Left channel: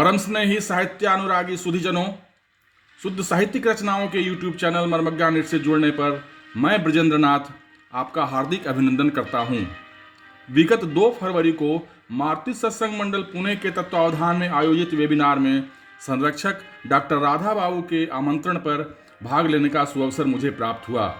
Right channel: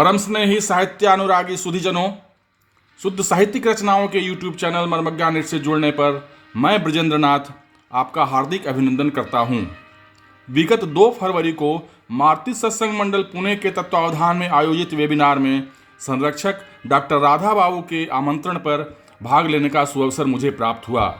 परम स्नेही साहित्यानुरागी सुधीजनों, शुद्ध साहित्यिक रचनाओं के YouTube चैनल मर्मज्ञा नेट से जुड़ने पर मैं ब्रजेंद्र नाथ आपका हार्दिक अभिनंदन करता हूं। विगत 2 फरवरी को मारुति सत्संग मंडल पुणे के तत्वावधान में आयोजित वेबिनार में संरक्षक डॉक्टर राधा बाबू के आमंत्रण पर भाग लेने का सुअवसर मुझे प्राप्त हुआ।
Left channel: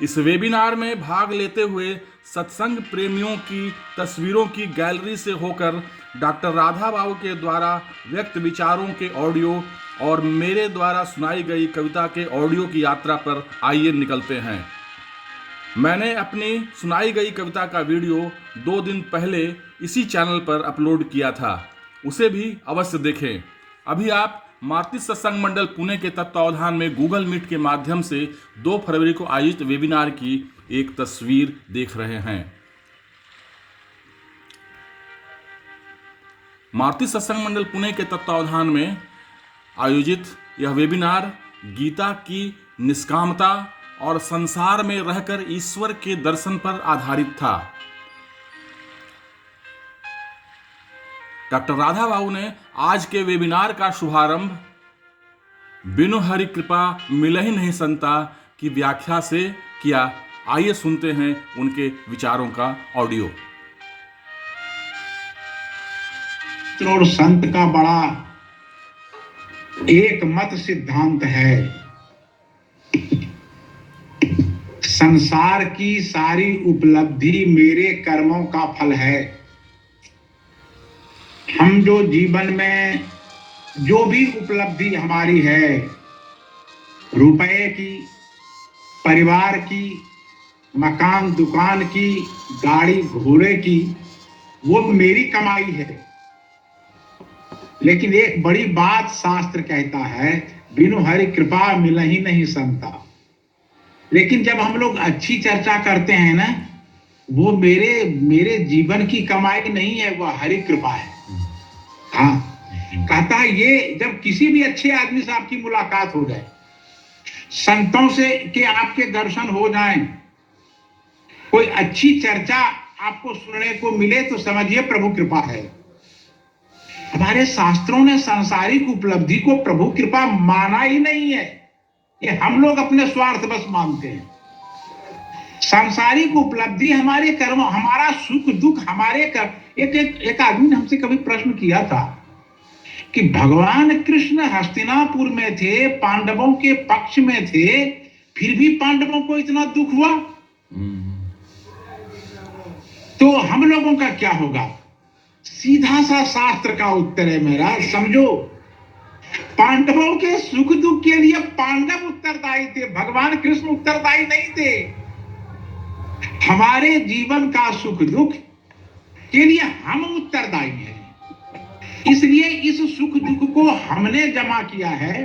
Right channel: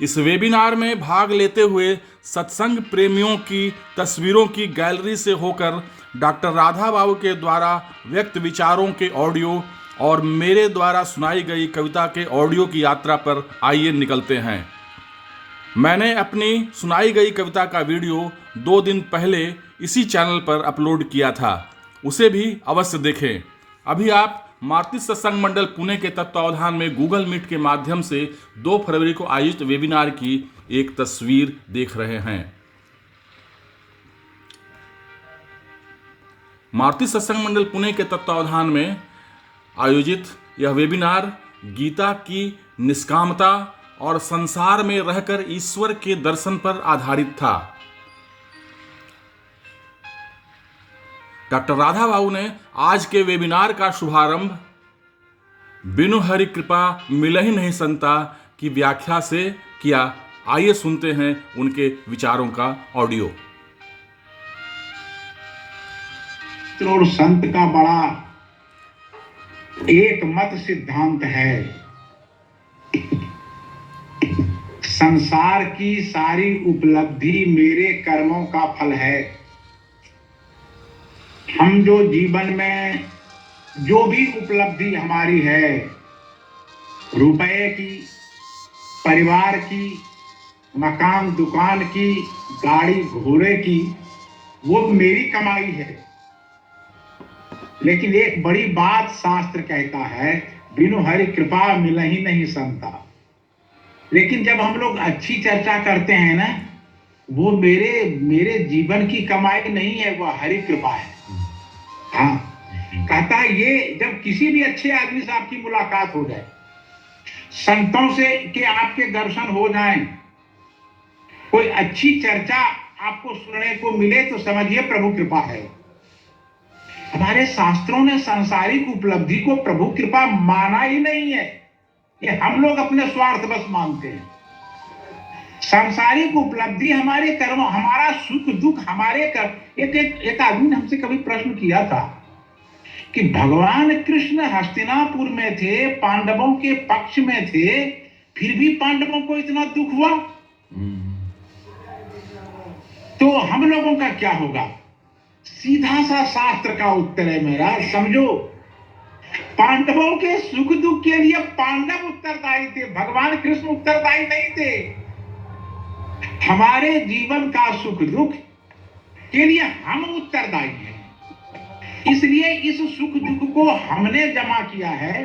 इस वेबिनार में भाग लेते हुए सत्संग प्रेमियों की तस्वीरों की गैलरी से होकर डॉक्टर राधा बाबू के द्वारा व्यक्त विचारों के ऑडियो और मेरे द्वारा सुनाई गई कविता के ऑडियो की यात्रा पर आइए निकलते हैं। मैंने अपनी सुनाई गई कविता का वीडियो 2 दिन पहले इसी चैनल पर अपलोड किया था, उसे भी अवश्य देखें। अभी आप मारुति सत्संग मंडल पुणे के तत्वावधान में गूगल मीट के माध्यम से 2 फरवरी को आयोजित वेबिनार की एक तस्वीर देख रहे हैं। मारुति सत्संग मंडल पुणे के तत्वावधान में आयोजित यह वेबिनार गीता की निष्कामता और संसार में रहकर ईश्वर के दर्शन पर आधारित था। डॉक्टर राधा बाबू ने आज के वेबिनार का शुभारंभ बिनु हरि कृपा मिलहि नहीं संता की व्याख्या से किया। आइए सुनते हैं उनके विचारों का ऑडियो। और संत का बड़ा एक मत सिद्धांत है, संसार की सारी उपलब्धि मेरे कर्मों का फल है। हम जो जीवन में जो भी उपलब्धि हमारी है, रुपए की, परिवार की, मकान दुकान की, गाड़ी घोड़े की, वो मेरी कमाई है। लेकिन एक बड़ी बात शास्त्र कहता है, बिनु हरि कृपा मिलहि नहीं संता। लेकिन जब हम लोग अच्छी चर्चा करते हैं ना, वो मेरे जीवन की कमाई नहीं है, वो हरि कृपा है। हाँ, कहता है ये जब किसी भी अच्छे आदमी से आपकी मुलाकात हो जाए, संतों से के आपके दर्शन हो जाएं, कोई अच्छी चर्चा आपको सुनने को मिले, तो समझिए प्रभु कृपा है। हमारे शास्त्रों ने सांसारिक उपलब्धि को प्रभु कृपा माना ही नहीं है, ये हम लोग अपने स्वार्थ बस मानते हैं। सांसारिक उपलब्धि हमारे कर्म, हमारा सुख दुख हमारे कर्म। एक आदमी ने हमसे कभी प्रश्न किया था कि भगवान कृष्ण हस्तिनापुर में थे, पांडवों के पक्ष में थे, फिर भी पांडवों को इतना दुख हुआ, तो हम लोगों का क्या होगा? सीधा सा शास्त्र का उत्तर है मेरा, समझो, पांडवों के सुख दुख के लिए पांडव उत्तरदायी थे, भगवान कृष्ण उत्तरदायी नहीं थे। हमारे जीवन का सुख दुख के लिए हम उत्तरदायी हैं। इसलिए इस सुख दुख को हमने जमा किया है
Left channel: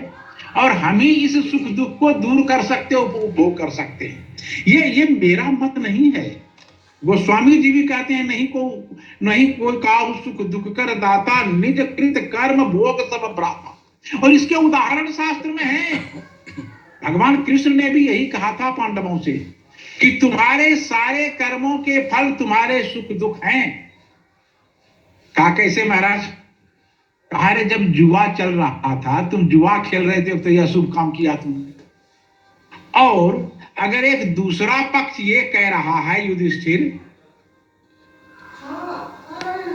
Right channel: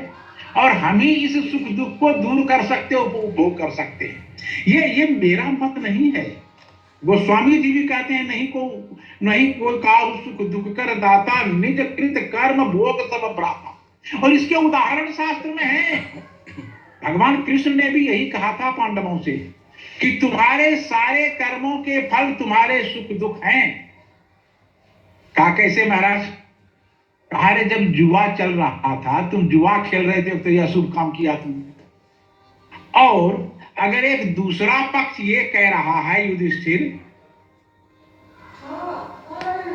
और हम ही इस सुख दुख को दूर कर सकते, उपभोग कर सकते हैं। ये मेरा मत नहीं है। गोस्वामी जी भी कहते हैं, नहीं कोई काहु सुख दुख कर दाता, निज कृत कर्म भोग सब भ्राता। और इसके उदाहरण शास्त्र में है। भगवान कृष्ण ने भी यही कहा था पांडवों से कि तुम्हारे सारे कर्मों के फल तुम्हारे सुख दुख हैं। कहा कैसे महाराज? कहा रे, जब जुआ चल रहा था, तुम जुआ खेल रहे थे, तो यह शुभ काम किया तुमने। और अगर एक दूसरा पक्ष ये कह रहा है, युधिष्ठिर,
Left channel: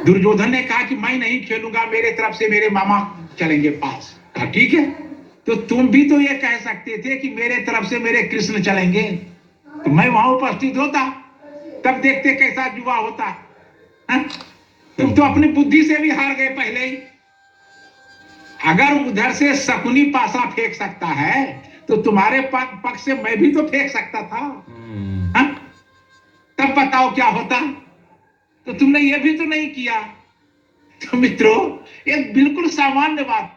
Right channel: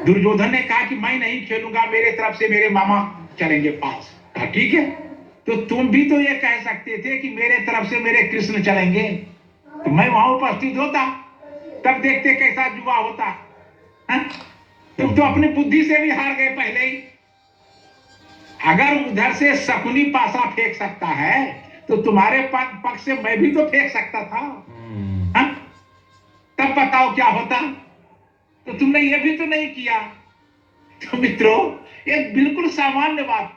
दुर्योधन ने कहा कि मैं नहीं खेलूंगा, मेरे तरफ से मेरे मामा चलेंगे पास। कहा ठीक है, तो तुम भी तो ये कह सकते थे कि मेरे तरफ से मेरे कृष्ण चलेंगे, तो मैं वहां उपस्थित होता, तब देखते कैसा जुआ होता। तुम तो अपनी बुद्धि से भी हार गए पहले ही। अगर उधर से शकुनी पासा फेंक सकता है, तो तुम्हारे पक्ष से मैं भी तो फेंक सकता था। तब बताओ क्या होता? तो तुमने ये भी तो नहीं किया। तो मित्रों, ये बिल्कुल सामान्य बात।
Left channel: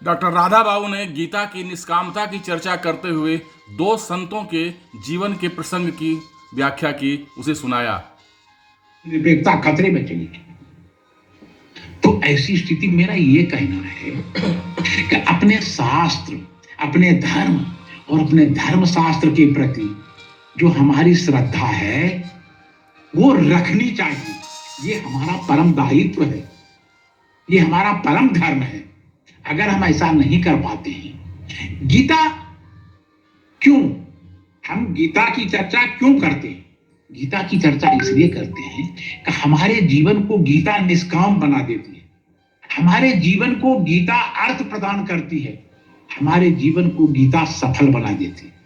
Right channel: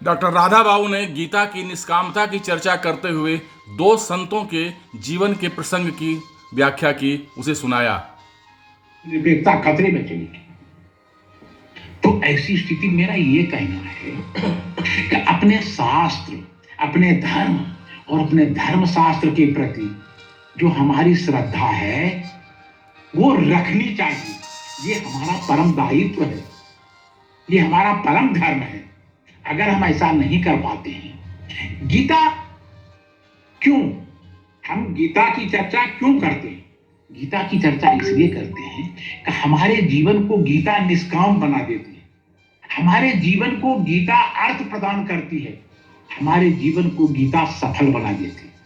डॉक्टर राधा बाबू ने गीता की निष्कामता की चर्चा करते हुए 2 संतों के जीवन के प्रसंग की व्याख्या की, उसे सुनाया। विवेकता खतरे में चली गई। तो ऐसी स्थिति मेरा ये कहना है कि अपने शास्त्र, अपने धर्म और अपने धर्म शास्त्र के प्रति जो हमारी श्रद्धा है, वो रखनी चाहिए। ये हमारा परम दायित्व है, ये हमारा परम धर्म है। अगर हम ऐसा नहीं कर पाते हैं, गीता क्यों, हम गीता की चर्चा क्यों करते हैं? गीता की चर्चा इसलिए करते हैं कि हमारे जीवन को गीता निष्काम बना देती है, हमारे जीवन को गीता अर्थ प्रदान करती है, हमारे जीवन को गीता सफल बना देती है।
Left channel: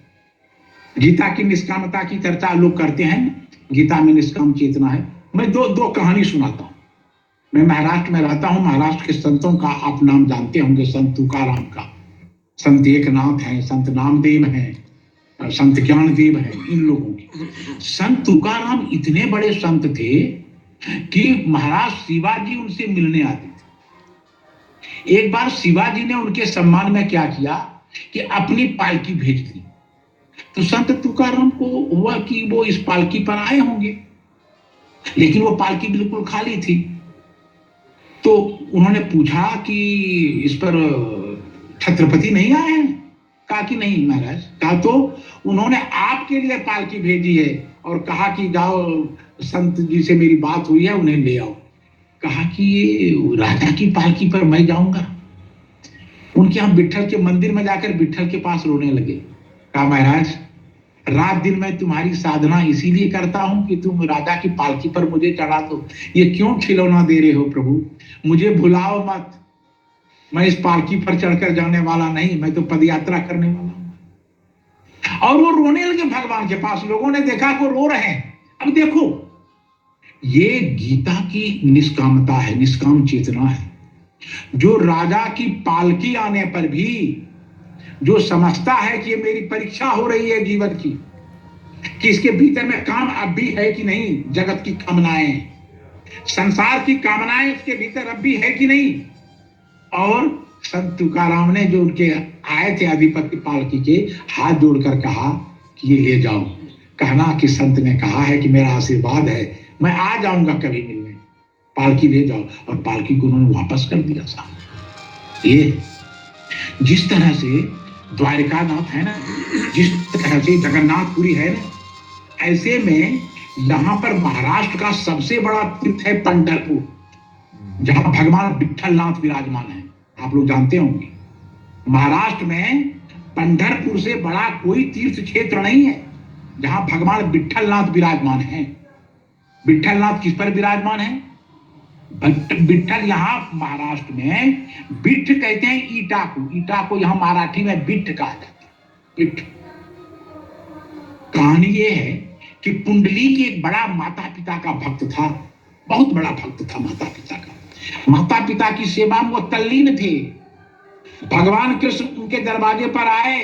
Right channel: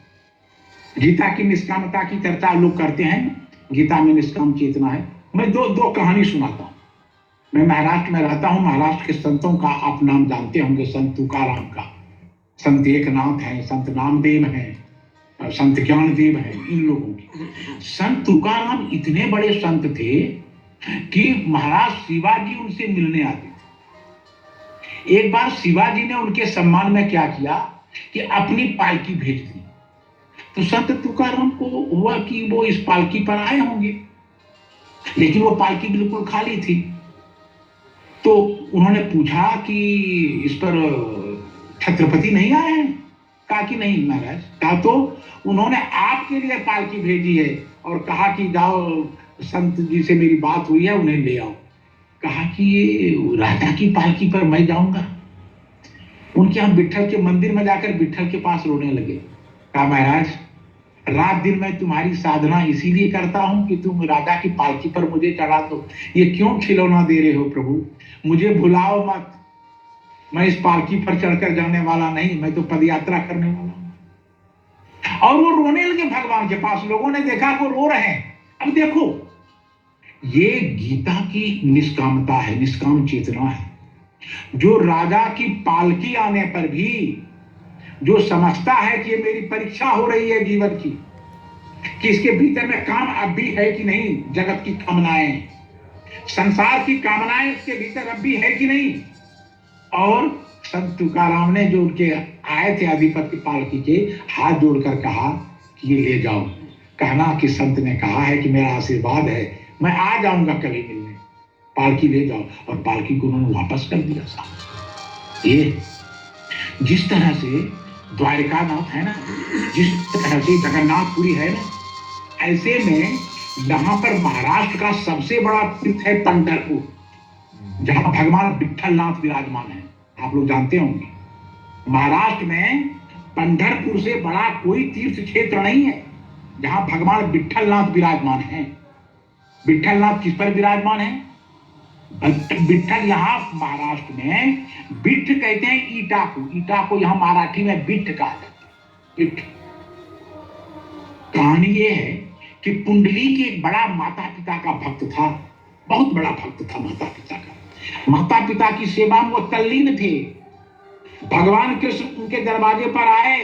गीता की निष्कामता की चर्चा लोग करते हैं, गीता में निष्काम चेतना है। मैं दो कहानी सुनाता हूं। मैं महाराष्ट्र में रहता हूं, महाराष्ट्र के संतों का आप नाम जानते होंगे, संत तुकाराम का, संत एकनाथ हैं, संत नामदेव हैं, संत ज्ञानदेव हैं, इन लोगों की। संत तुकाराम इतने बड़े संत थे कि महाराज शिवाजी उनसे मिलने आते थे। एक बार शिवाजी ने उनके सम्मान में क्या किया कि अपनी पालकी भेज दी। तो संत तुकाराम को हुआ कि वो इस पालकी पर आए होंगे, लेकिन वो पालकी बिल्कुल खाली थी। तो उन्होंने पूछा कि इस पर छत्रपति नहीं आए हैं? कहा कि नहीं महाराज। कहा तो उन्होंने आपके लिए पालकी भेजी है और कहा कि जाओ संत जी से मेरी बात हुई है, उन्हें ले आओ। कहा कि ये राजा की पालकी पर मैं जाऊंगा। उनके यहाँ विट्ठल के मंदिर में जाकर विट्ठल के पास रोने लगे। कहा महाराज, रात दिन मैं तुम्हारी साधना इसीलिए करता हूं कि तुम राजा की पालकी पर मुझे चढ़ा दो। ये क्यों खिलौना दे रहे हो प्रभु? मुझे भुलाओ मत, मैं इस पालकी पर चढ़कर जाने वाला नहीं, मैं तो पद यात्रा करने वाला हूं। और वो रोने लगे भगवान के पास। लोगों ने देखा को रो रहे हैं। अब देखो, ये गीता की निष्कामता है, निष्काम चेतना है। जो राजा की पालकी आने पर भी जो समझता है कि ये मेरी परीक्षा हो रही है जीवन की, कि इसके भीतर में काम अब भी है कि नहीं, जगत की कामनाएं, संसार की कामनाएं इसके भीतर अब भी है कि नहीं। और संत तुकाराम ने जो उनके आए थे अधिपति पालकी के, हाथ जोड़कर कहा कि ये ले जाओ। कहना कि संत ने कहा है कि मेरा आशीर्वाद है, मैं आ जाऊंगा कभी मिलने, पालकी ले जाओ। और पालकी को उन्होंने वापस कर दिया साहब। ये जिस तरह से द्वारिकानाथ है ना, जिस तरह से जगन्नाथपुरी है ना, ऐसे में यहाँ पर महाराष्ट्र का सबसे बड़ा तीर्थ है पंढरपुर, जहां भगवान विट्ठलनाथ विराजमान है। आप लोग जानते होंगे, महाराष्ट्र में पंढरपुर से बड़ा कोई तीर्थ क्षेत्र नहीं है जहां भगवान विट्ठलनाथ विराजमान है। विट्ठलनाथ किस पर विराजमान है? विट्ठल यहाँ महाराष्ट्र में बिट्ठ कहते हैं ईटा को, ईटा को यहाँ मराठी में बिट्ठ कहा जाता है। बिट्ठ। कहानी ये है कि पुंडलीक एक बड़ा माता पिता का भक्त था, बहुत बड़ा भक्त था माता पिता का। माता पिता की सेवा में वो तल्लीन थे। भगवान कृष्ण उनके दरवाजे पर आए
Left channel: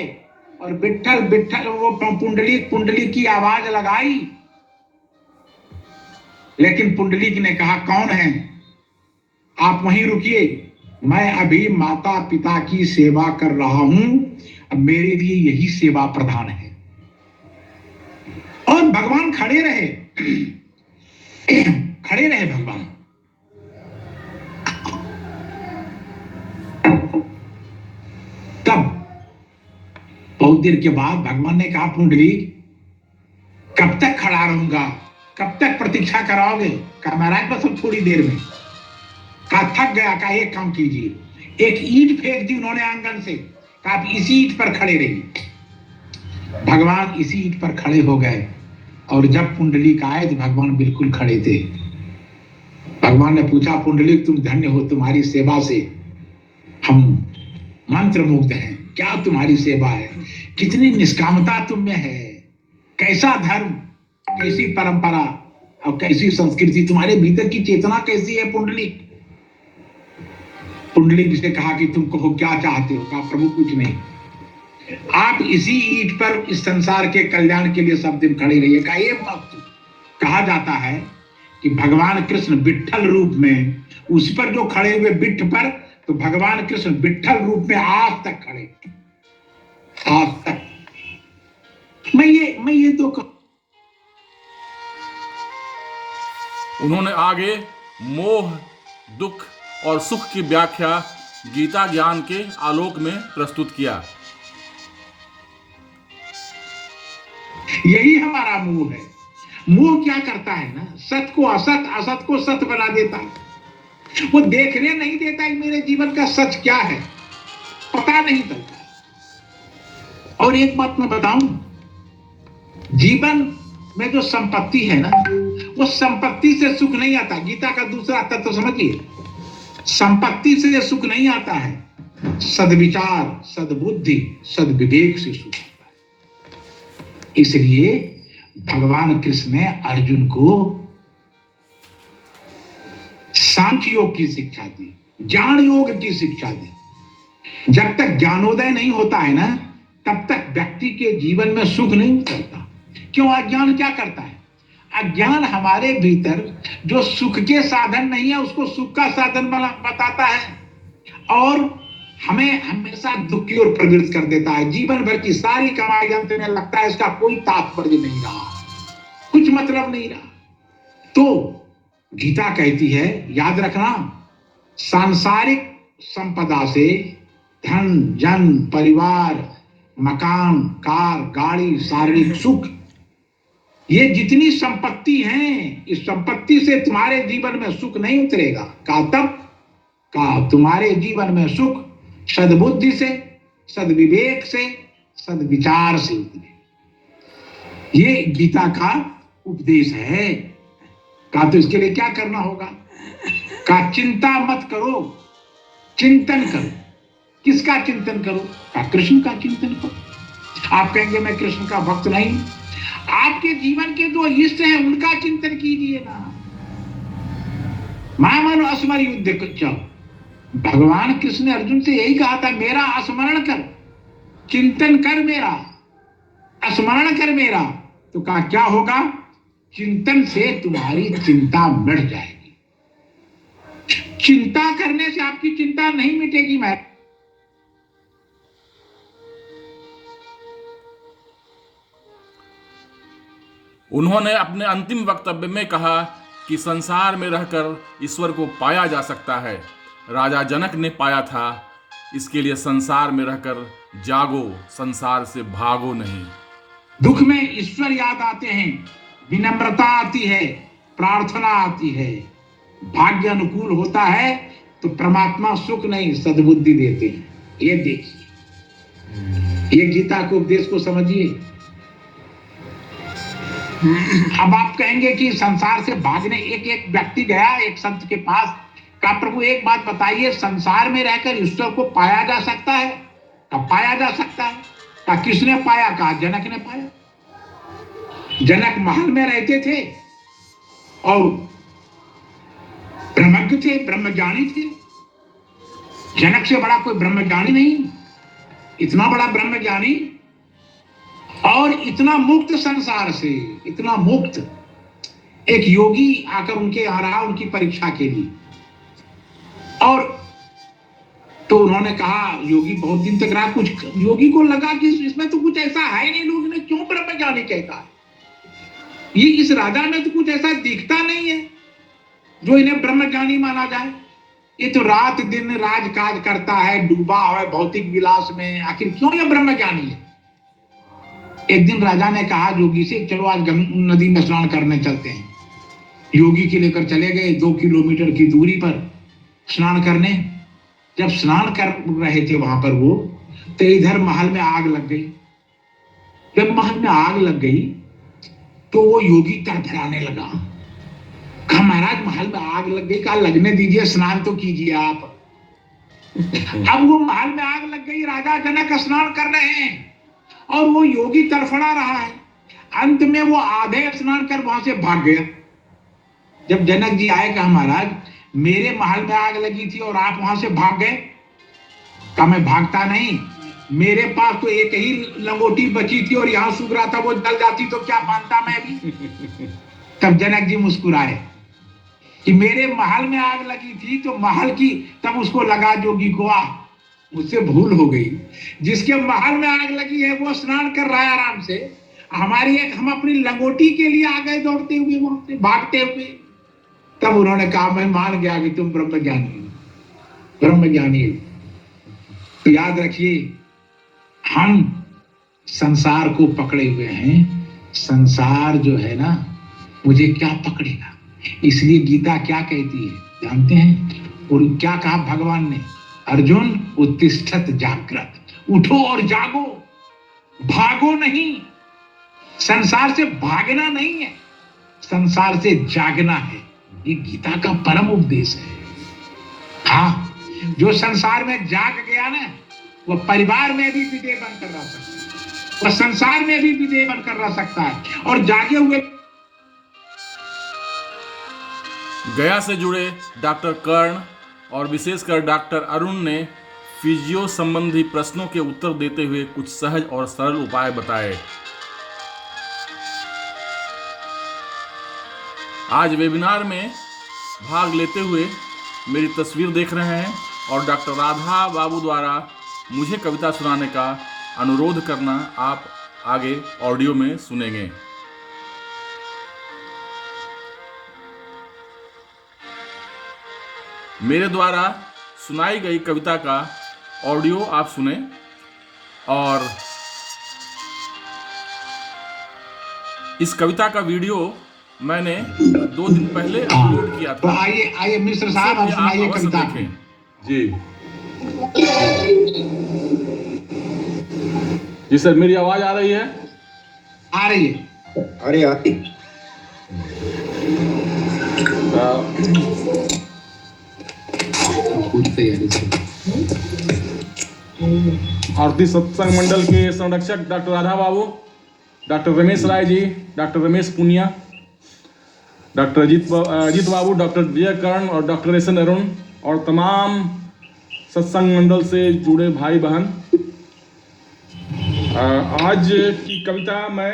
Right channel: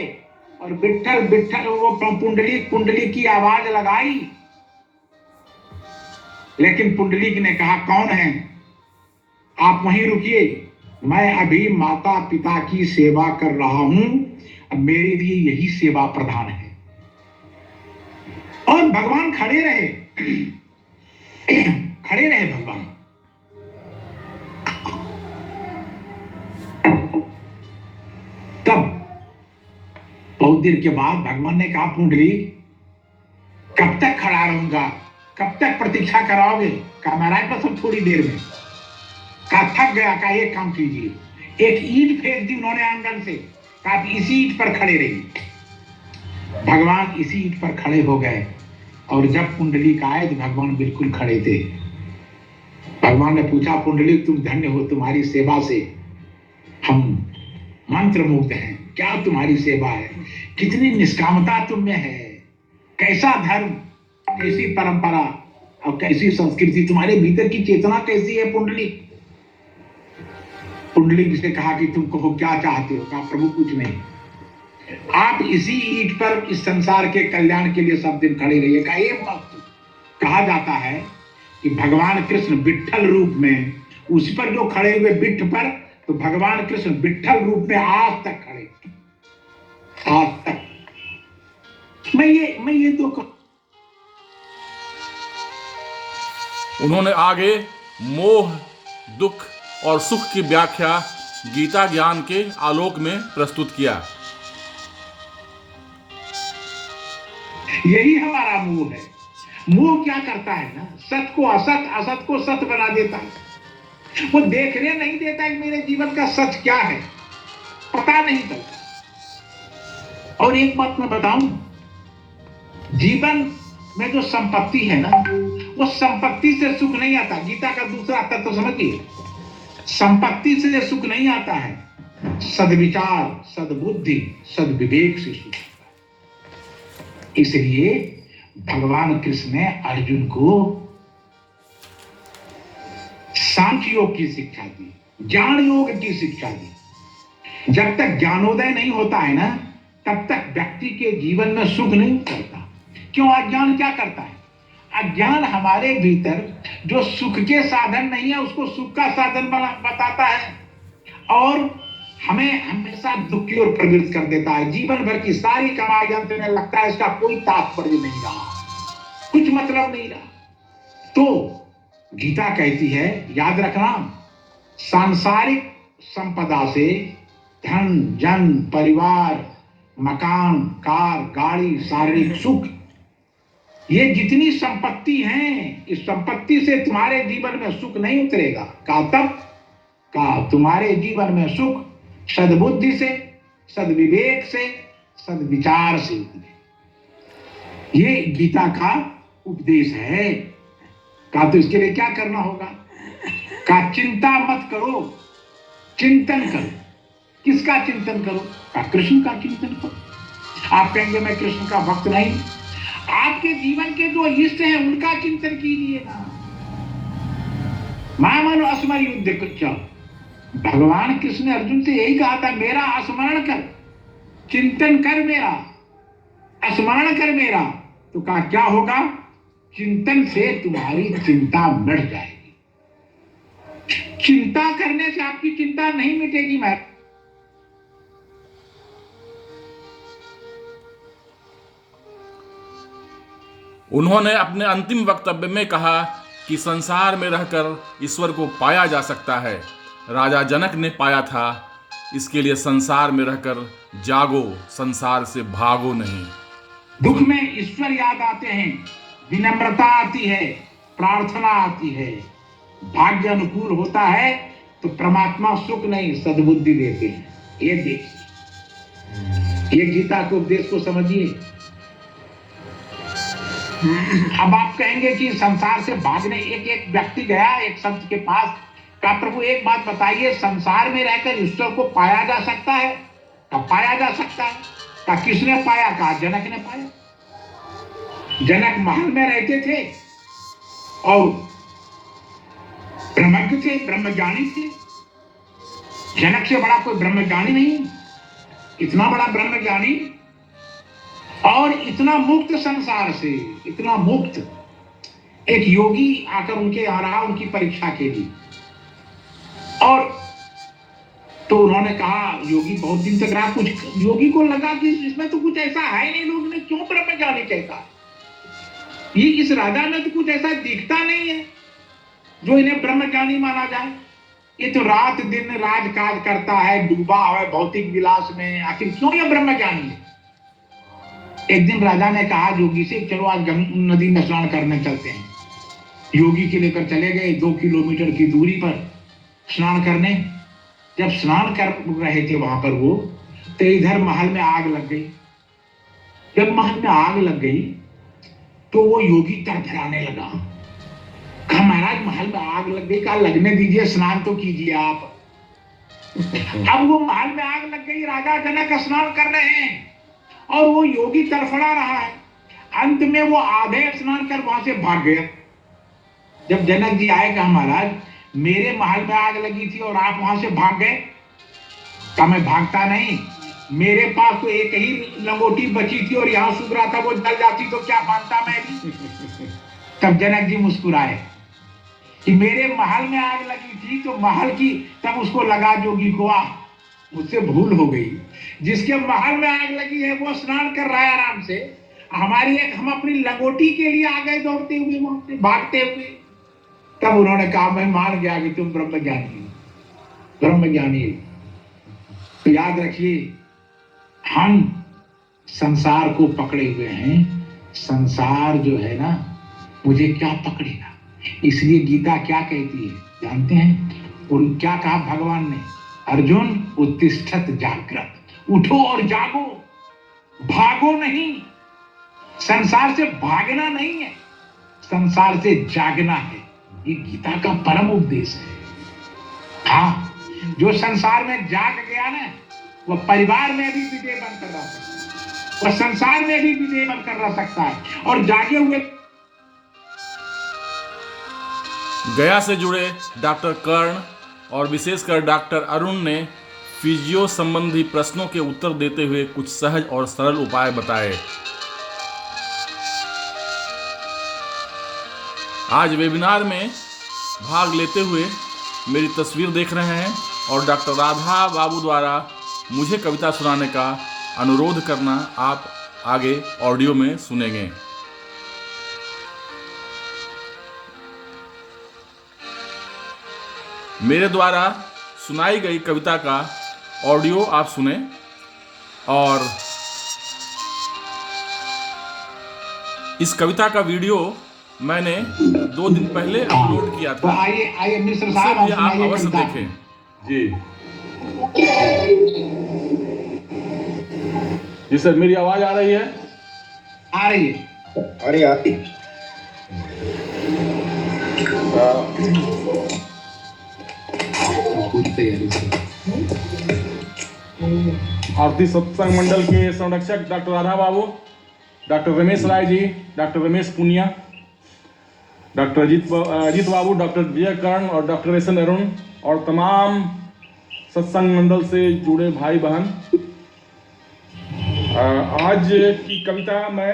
और विट्ठल विट्ठल, वो पुंडलीक पुंडलीक की आवाज लगाई, लेकिन पुंडलीक ने कहा कौन है? आप वहीं रुकिए, मैं अभी माता पिता की सेवा कर रहा हूं, अब मेरे लिए यही सेवा प्रधान है। और भगवान खड़े रहे, खड़े रहे भगवान। तब बहुत देर के बाद भगवान ने कहा पुंडलीक, कब तक खड़ा रहूंगा, कब तक प्रतीक्षा कराओगे? कहा महाराज बस अब थोड़ी देर में। कहा थक गया, कहा एक काम कीजिए, एक ईंट फेंक दी उन्होंने आंगन से, कहा आप इसी ईंट पर खड़े रहिए। भगवान इसी ईंट पर खड़े हो गए और जब पुंडलीक आए तो भगवान बिल्कुल खड़े थे। भगवान ने पूछा पुंडलीक तुम धन्य हो, तुम्हारी सेवा से हम मंत्र मुग्ध हैं। क्या तुम्हारी सेवा है, कितनी निष्कामता तुम में है, कैसा धर्म, कैसी परंपरा और कैसी संस्कृति, तुम्हारे भीतर की चेतना कैसी है पुंडलीक। पुंडलीक से कहा कि तुम कहो क्या चाहते हो? कहा प्रभु कुछ नहीं, आप इसी ईंट पर इस संसार के कल्याण के लिए सब दिन खड़े रहिए। कहा ये कहा जाता है कि भगवान कृष्ण विट्ठल रूप में उस पर जो खड़े हुए बिट्ठ पर, तो भगवान कृष्ण विट्ठल रूप में आज तक खड़े, आज तक। मैं ये दो उन्होंने आगे मोह, दुख और सुख की व्याख्या गीता ज्ञान के आलोक में प्रस्तुत किया। यही हमारा मूल है। मोह क्या करता है ना, सत को असत, असत को सत बना देता है। वो देखने नहीं देता कि मेरे जीवन का सच क्या है, पता नहीं चलता। और एक बात मैं बताऊं, जीवन में जो संपत्ति है ना, वो संपत्ति से सुख नहीं आता। गीता का दूसरा तत्व समझिए, संपत्ति से सुख नहीं आता है, सद्विचार, सद्बुद्धि, सद्विवेक से सुख आता है। इसलिए भगवान कृष्ण ने अर्जुन को सांख्य योग की शिक्षा दी, ज्ञान योग की शिक्षा दी। जब तक ज्ञानोदय नहीं होता है ना, तब तक व्यक्ति के जीवन में सुख नहीं उतरता। क्यों? अज्ञान क्या करता है? अज्ञान हमारे भीतर जो सुख के साधन नहीं है, उसको सुख का साधन बताता है और हमें हमेशा दुख की ओर प्रवृत्त कर देता है। जीवन भर की सारी कमाई अंत में लगता है इसका कोई तात्पर्य नहीं रहा, कुछ मतलब नहीं रहा। तो गीता कहती है, याद रखना, सांसारिक संपदा से धन, जन, परिवार, मकान, कार, गाड़ी, शारीरिक सुख, ये जितनी संपत्ति हैं, इस संपत्ति से तुम्हारे जीवन में सुख नहीं उतरेगा। कहा तब? कहा तुम्हारे जीवन में सुख सद्बुद्धि से, सद्विवेक से, सद्विचार से उतरे। ये गीता का उपदेश है। कहा तो इसके लिए क्या करना होगा? कहा चिंता मत करो, चिंतन करो। किसका चिंतन करो? कहा कृष्ण का चिंतन करो। आप कहेंगे मैं कृष्ण का भक्त नहीं, आपके जीवन के जो इष्ट हैं उनका चिंतन कीजिए ना। मामनो अस्मर युद्ध, भगवान कृष्ण ने अर्जुन से यही कहा था, मेरा स्मरण कर, चिंतन कर मेरा, स्मरण कर मेरा। तो कहा क्या होगा? चिंतन से तुम्हारी चिंता मिट जाएगी। चिंता करने से आपकी चिंता नहीं मिटेगी। मैं उन्होंने अपने अंतिम वक्तव्य में कहा कि संसार में रहकर ईश्वर को पाया जा सकता है। राजा जनक ने पाया था, इसके लिए संसार में रहकर जागो, संसार से भागो नहीं। दुख में ईश्वर याद आते हैं, विनम्रता आती है, प्रार्थना आती है, भाग्य अनुकूल होता है तो परमात्मा सुख नहीं सद्बुद्धि देते हैं। ये देखिए, ये गीता के उपदेश को समझिए। अब आप कहेंगे कि संसार से भागने, एक व्यक्ति गया एक संत के पास, कहा प्रभु एक बात बताइए, संसार में रहकर ईश्वर को पाया जा सकता है? कहा पाया जा सकता है। कहा किसने पाया? कहा जनक ने पाया। जनक महल में रहते थे और ब्रह्मज्ञ थे, ब्रह्मज्ञानी थे। जनक से बड़ा कोई ब्रह्मज्ञानी नहीं, इतना बड़ा ब्रह्मज्ञानी और इतना मुक्त संसार से, इतना मुक्त। एक योगी आकर उनके यहाँ रहा उनकी परीक्षा के लिए, और तो उन्होंने कहा, योगी बहुत दिन तक रहा, कुछ योगी को लगा कि इसमें तो कुछ ऐसा है नहीं, लोग ने क्यों ब्रह्मज्ञानी कहता है, ये इस राजा में तो कुछ ऐसा दिखता नहीं है जो इन्हें ब्रह्मज्ञानी माना जाए। ये तो रात दिन राजकाज करता है, डूबा है भौतिक विलास में, आखिर क्यों ये ब्रह्मज्ञानी है? एक दिन राजा ने कहा योगी से, चलो आज नदी में स्नान करने चलते हैं। योगी के लेकर चले गए 2 किलोमीटर की दूरी पर स्नान करने। जब स्नान कर रहे थे वहां पर वो, तो इधर महल में आग लग गई। जब महल में आग लग गई तो वो योगी तड़फड़ाने लगा। कहा महाराज महल में आग लग गई। कहा लगने दीजिए, स्नान तो कीजिए आप। अब वो महल में आग लग गई, राजा जनक स्नान कर रहे हैं और वो योगी तड़फड़ा रहा है। अंत में वो आधे स्नान कर वहां से भाग गया। जब जनक जी आए, कहा महाराज मेरे महल में आग लगी थी और आप वहां से भाग गए। कहा मैं भागता नहीं, मेरे पास तो एक ही लंगोटी बची थी और यहाँ सूख रहा था, वो जल जाती तो क्या मानता मैं भी। तब जनक जी मुस्कुराए कि मेरे महल में आग लगी थी तो महल की, तब उसको लगा जोगी को, मुझसे भूल हो गई। जिसके महल में आग लगी है वो स्नान कर रहा है आराम से, हमारी एक, हम अपनी लंगोटी के लिए आ गए दौड़ते हुए, वहां से भागते हुए। तब उन्होंने कहा मैं मान गया कि तुम ब्रह्मज्ञानी। तो याद रखिए, हम संसार को पकड़े हुए हैं। संसार जो है ना, मुझे क्या पकड़ेगा। इसलिए गीता क्या कहती है जानते हैं? और क्या कहा भगवान ने? अर्जुन उत्तिष्ठत जागृत, उठो और जागो, भागो नहीं। संसार से भागना नहीं है, संसार से जागना है। ये गीता का परम उपदेश है। हाँ, जो संसार में जाग गया ना, वो परिवार में भी विजय बनकर रह सकता है, वो संसार में भी विजय बनकर रह सकता है। और जागे हुए गया से जुड़े डॉक्टर कर्ण और विशेषकर डॉक्टर अरुण ने फिजियो संबंधी प्रश्नों के उत्तर देते हुए कुछ सहज और सरल उपाय बताए। आज वेबिनार में भाग लेते हुए मेरी तस्वीर देख रहे हैं और डॉक्टर राधा बाबू द्वारा मुझे कविता सुनाने का अनुरोध करना आप आगे ऑडियो में सुनेंगे। मेरे द्वारा सुनाई गई कविता का ऑडियो आप सुने और इस कविता का वीडियो मैंने 2 दिन पहले अपलोड किया तो था, आइए आइए मिश्र उसे साहब, भी आप आप सुनाइए अवश्य कविता। देखें। जी सर, मेरी आवाज आ रही है? आ रही है। अरे आती पूरी तैयारी से। आरती सत्संग मंडल के संरक्षक डॉक्टर राधा बाबू, doctor Ramesh Rai ji, doctor Ramesh Punia, doctor Ajit बाबू, डॉक्टर विजय कर्ण और डॉक्टर एस एन अरुण और तमाम सत्संग मंडल से जुड़े भाई बहन, आज की कविता मैं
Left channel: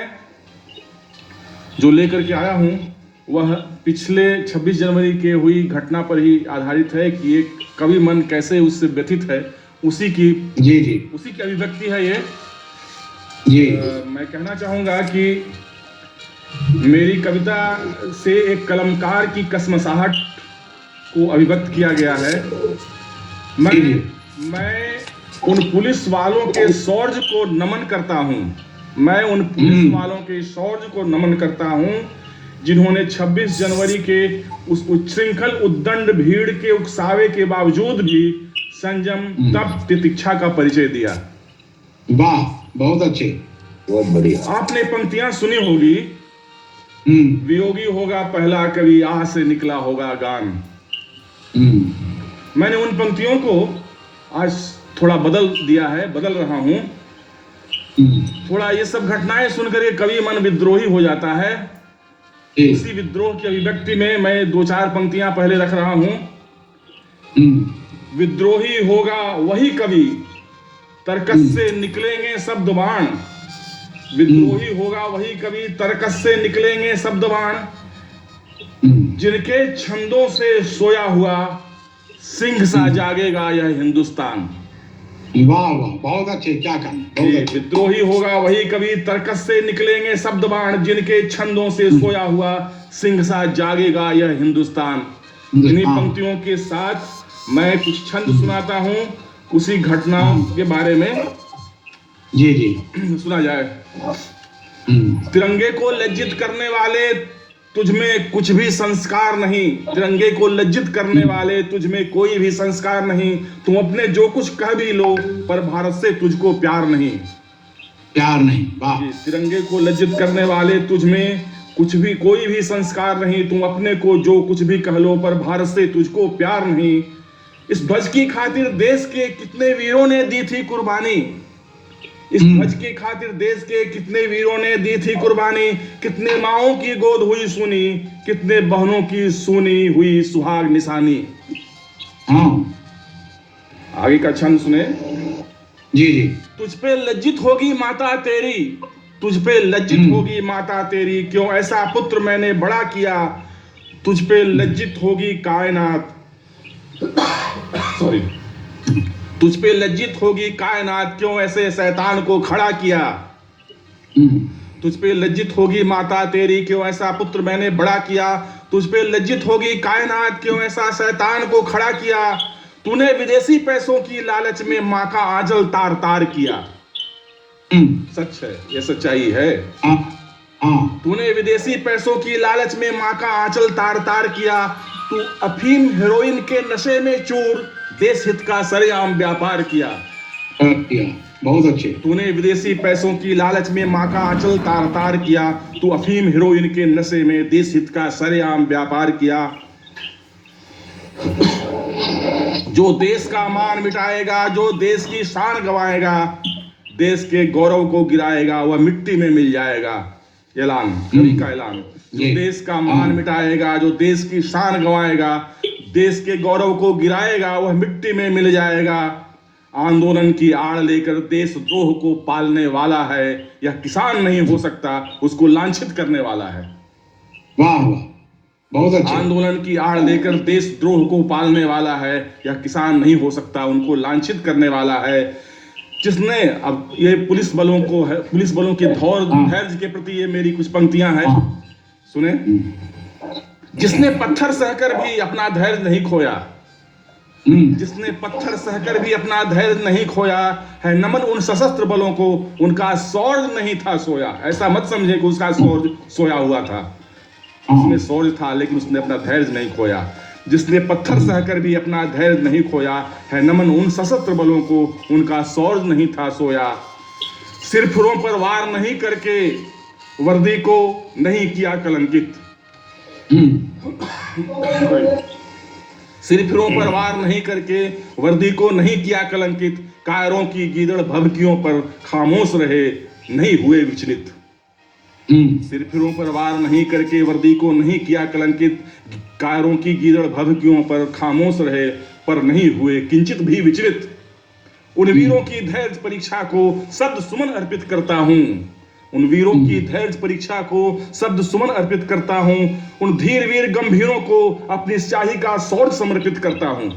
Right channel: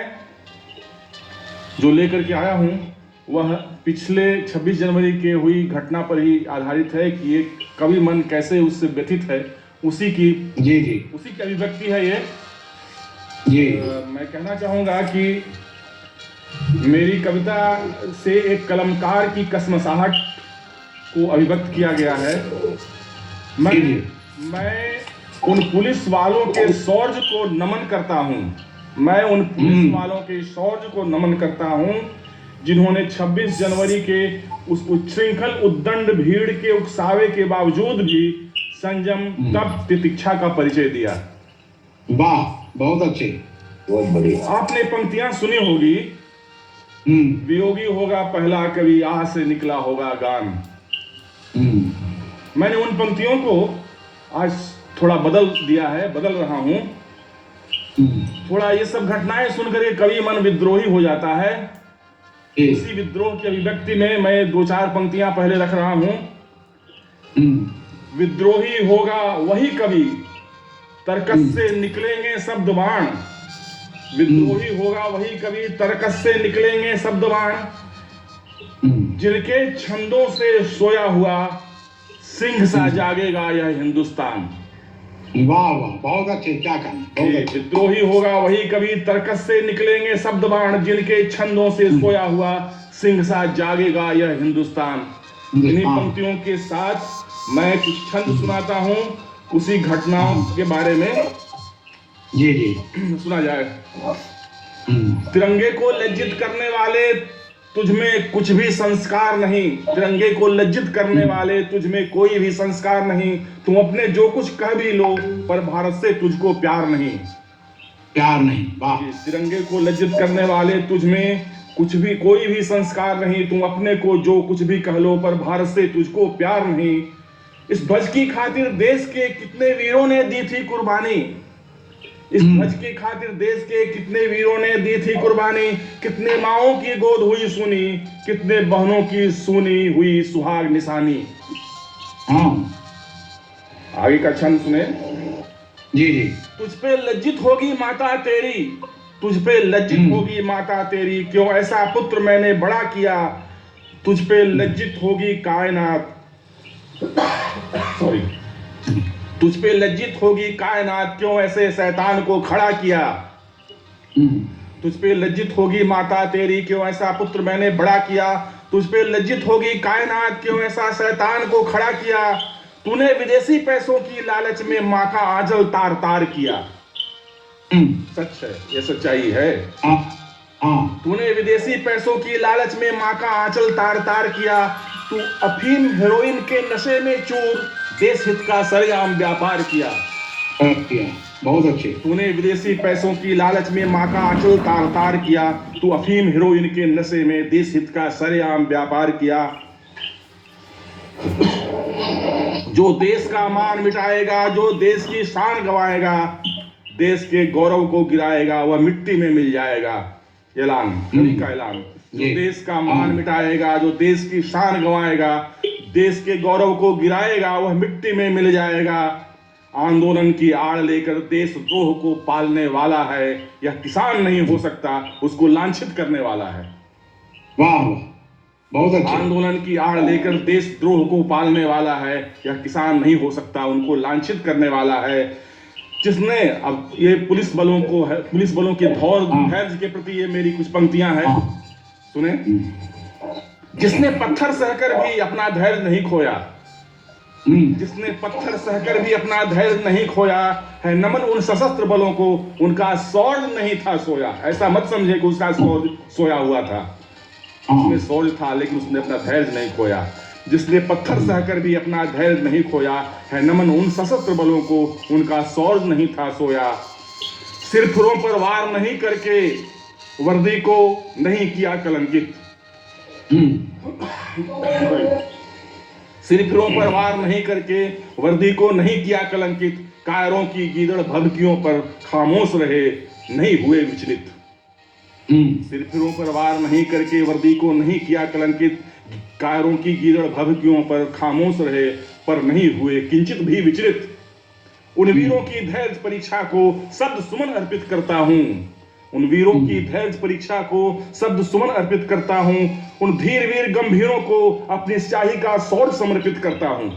जो लेकर के आया हूँ वह पिछले 26 जनवरी के हुई घटना पर ही आधारित है कि एक कवि मन कैसे उससे व्यथित है, उसी की अभिव्यक्ति है ये। मैं कहना चाहूँगा कि मेरी कविता से एक कलमकार की कसमसाहट को अभिव्यक्त किया गया है। मैं उन पुलिस वालों के शौर्य को नमन करता हूँ, मैं उन पुलिस वालों के शौर्य को नमन करता हूँ जिन्होंने 26 जनवरी के उस उच्छृंखल उद्दंड भीड़ के उकसावे के बावजूद भी संयम तप तितिक्षा का परिचय दिया। वाह, बहुत अच्छे, बहुत बढ़िया। आपने पंक्तियां सुनी होगी, वियोगी होगा पहला कवि, आह से निकला होगा गान। मैंने उन पंक्तियों को आज थोड़ा बदल दिया है, बदल रहा हूं। थोड़ा ये सब घटनाएं सुनकर ये कवि मन विद्रोही हो जाता है। इसी विद्रोह की अभिव्यक्ति में मैं 2-4 पंक्तियां पहले रख रहा हूं। विद्रोही होगा वही कवि, तर्कस से निकलेंगे शब्द बाण। विद्रोही होगा वही कवि, तर्कस से निकलेंगे शब्द बाण। जिनके छंदों से सोया हुआ सिंह सा जागेगा यह हिंदुस्तान। वाह वाह, बहुत अच्छे, क्या कहें। विद्रोही होगा वही कवि, तर्कस से निकलेंगे शब्द बाण। जिनके छंदों से सोया हुआ सिंह सा जागेगा यह हिंदुस्तान। इन्हीं पंक्तियों के साथ मैं कुछ छंद सुनाता हूँ उसी घटनाओं के बारे में। जी सुना जाए। तिरंगे को लज्जित करने वाले तुझमें कुछ भी संस्कार नहीं, तिरंगे को लज्जित करने वाले तुझमें कोई भी संस्कार नहीं। तुम अपने जो कुछ कह भी लो पर भारत से तुझको प्यार नहीं। वाह। तिरंगे को लज्जित करने वाले तुझमें कुछ भी कोई भी संस्कार नहीं। तुम अपने को जो कुछ भी कह लो पर भारत से तुझको प्यार नहीं। इस ध्वज की खातिर देश के कितने वीरों ने दी थी कुर्बानी। इस ध्वज के खातिर देश के कितने वीरों ने दी थी कुर्बानी। कितने माओं की गोद हुई सुनी, कितने बहनों की सुनी हुई सुहाग निशानी। आगे का छंद सुने। जी तुझ पे लज्जित होगी माता तेरी, तुझ पे लज्जित होगी माता तेरी, क्यों ऐसा पुत्र मैंने बड़ा किया। तुझ पे लज्जित होगी कायनात, सॉरी, तुझ पे लज्जित होगी कायनात, क्यों ऐसे शैतान को खड़ा किया। तुझ पे लज्जित होगी माता तेरी, क्यों ऐसा पुत्र मैंने बड़ा किया। तुझ पे लज्जित होगी कायनात, क्यों ऐसा शैतान को खड़ा किया। तूने विदेशी पैसों की लालच में माँ का आंचल तार तार किया। सच है, ये सच्चाई है। हाँ तूने विदेशी पैसों की लालच में माँ का आंचल तार तार किया। तू अफीम हेरोइन के नशे में चूर, देश हित का सरेआम व्यापार किया। किया, बहुत अच्छे। तूने विदेशी पैसों की लालच में माँ का आंचल तार तार किया। तू अफीम हेरोइन के नशे में देश हित का सरेआम व्यापार किया। जो देश का मान मिटाएगा, जो देश की शान गवाएगा, देश के गौरव को गिराएगा, वह मिट्टी में मिल जाएगा। ऐलान, कवि का ऐलान। जो देश का मान मिटाएगा, जो देश की शान गवाएगा, देश के गौरव को गिराएगा, वह मिट्टी में मिल जाएगा। आंदोलन की आड़ लेकर देशद्रोह को पालने वाला है, यह किसान नहीं हो सकता, उसको लांछित करने वाला है। वाह वाह, बहुत अच्छा। आंदोलन की आड़ लेकर देशद्रोह को पालने वाला है, यह किसान नहीं हो सकता, उनको लांछित करने वाला है। जिसने, अब ये पुलिस बलों के धैर्य के प्रति ये मेरी कुछ पंक्तियां हैं, सुने। जिसने पत्थर सहकर भी अपना धैर्य नहीं खोया, जिसने पत्थर सहकर भी अपना धैर्य नहीं खोया है, नमन उन सशस्त्र बलों को, उनका शौर्य नहीं था सोया। ऐसा मत समझे कि उसका शौर्य सोया हुआ था, उसमें शौर्य था, लेकिन उसने अपना धैर्य नहीं खोया। जिसने पत्थर सहकर भी अपना धैर्य नहीं खोया है, नमन उन सशस्त्र बलों को, उनका शौर्य नहीं था सोया। सिरफिरों पर वार नहीं करके वर्दी को नहीं किया कलंकित। सिरफिरों पर वार नहीं करके वर्दी को नहीं किया कलंकित। कायरों की गीदड़ भभकियों पर खामोश रहे, नहीं हुए विचलित। सिरफिरों पर वार नहीं करके वर्दी को नहीं किया कलंकित। कायरों की गीदड़ भभकियों पर खामोश रहे, पर नहीं हुए किंचित भी विचलित। उन वीरों की धैर्य परीक्षा को शब्द सुमन अर्पित करता हूँ। उन वीरों की धैर्य परीक्षा को शब्द सुमन अर्पित करता हूँ। उन धीर वीर गंभीरों को अपनी स्याही का शौर्य समर्पित करता हूँ।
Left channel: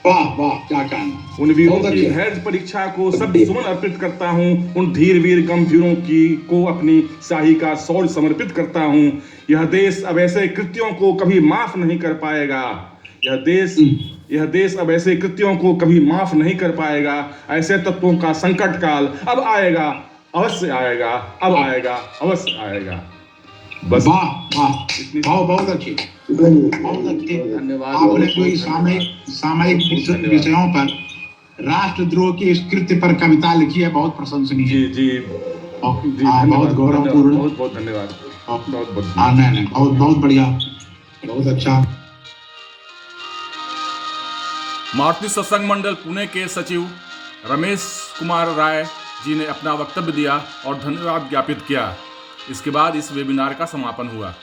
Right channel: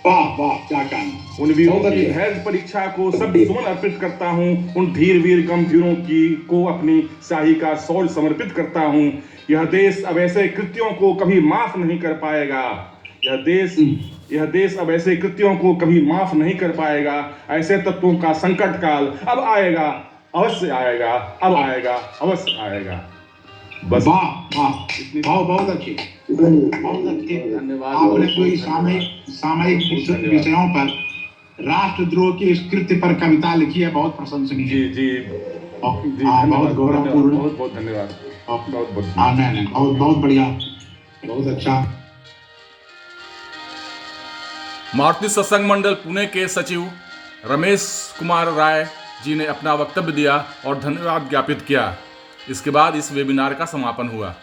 वाह वाह, क्या कहना। उन वीरों की धैर्य परीक्षा को शब्द सुमन अर्पित करता हूँ। उन धीर वीर गंभीरों की को अपनी स्याही का शौर्य समर्पित करता हूँ। यह देश अब ऐसे कृत्यों को कभी माफ नहीं कर पाएगा। यह देश अब ऐसे कृत्यों को कभी माफ नहीं कर पाएगा। ऐसे तत्वों का संकट काल अब आएगा, अवश्य आएगा, अब आएगा, अवश्य आएगा। बस। वाह वाह, बहुत अच्छे, बहुत अच्छे। धन्यवाद। आपने जो इस सामयिक विषयों पर राष्ट्रद्रोह की इस कृत्य पर कविता लिखी है, बहुत प्रशंसनीय। जी जी जी, बहुत गौरवपूर्ण। बहुत बहुत धन्यवाद। नहीं, बहुत बढ़िया, बहुत अच्छा। मारुति सत्संग मंडल पुणे के सचिव रमेश कुमार राय जी ने अपना वक्तव्य दिया और धन्यवाद ज्ञापित किया। इसके बाद इस वेबिनार का समापन हुआ।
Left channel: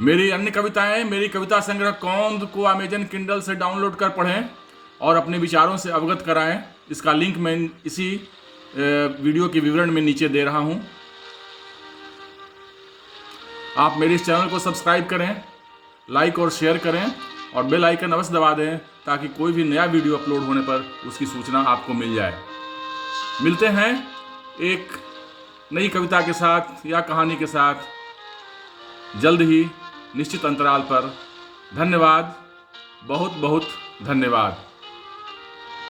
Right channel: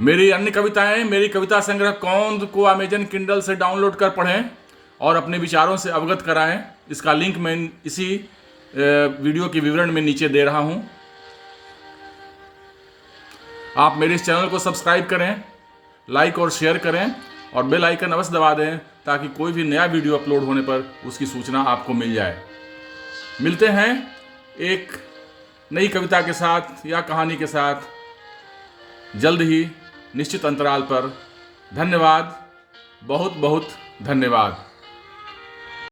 मेरी अन्य कविताएं, मेरी कविता संग्रह कौंद को अमेजन किंडल से डाउनलोड कर पढ़ें और अपने विचारों से अवगत कराएं। इसका लिंक मैं इसी वीडियो के विवरण में नीचे दे रहा हूं। आप मेरे इस चैनल को सब्सक्राइब करें, लाइक और शेयर करें और बेल आइकन अवश्य दबा दें ताकि कोई भी नया वीडियो अपलोड होने पर उसकी सूचना आपको मिल जाए। मिलते हैं एक नई कविता के साथ या कहानी के साथ जल्द ही, निश्चित अंतराल पर। धन्यवाद, बहुत बहुत धन्यवाद।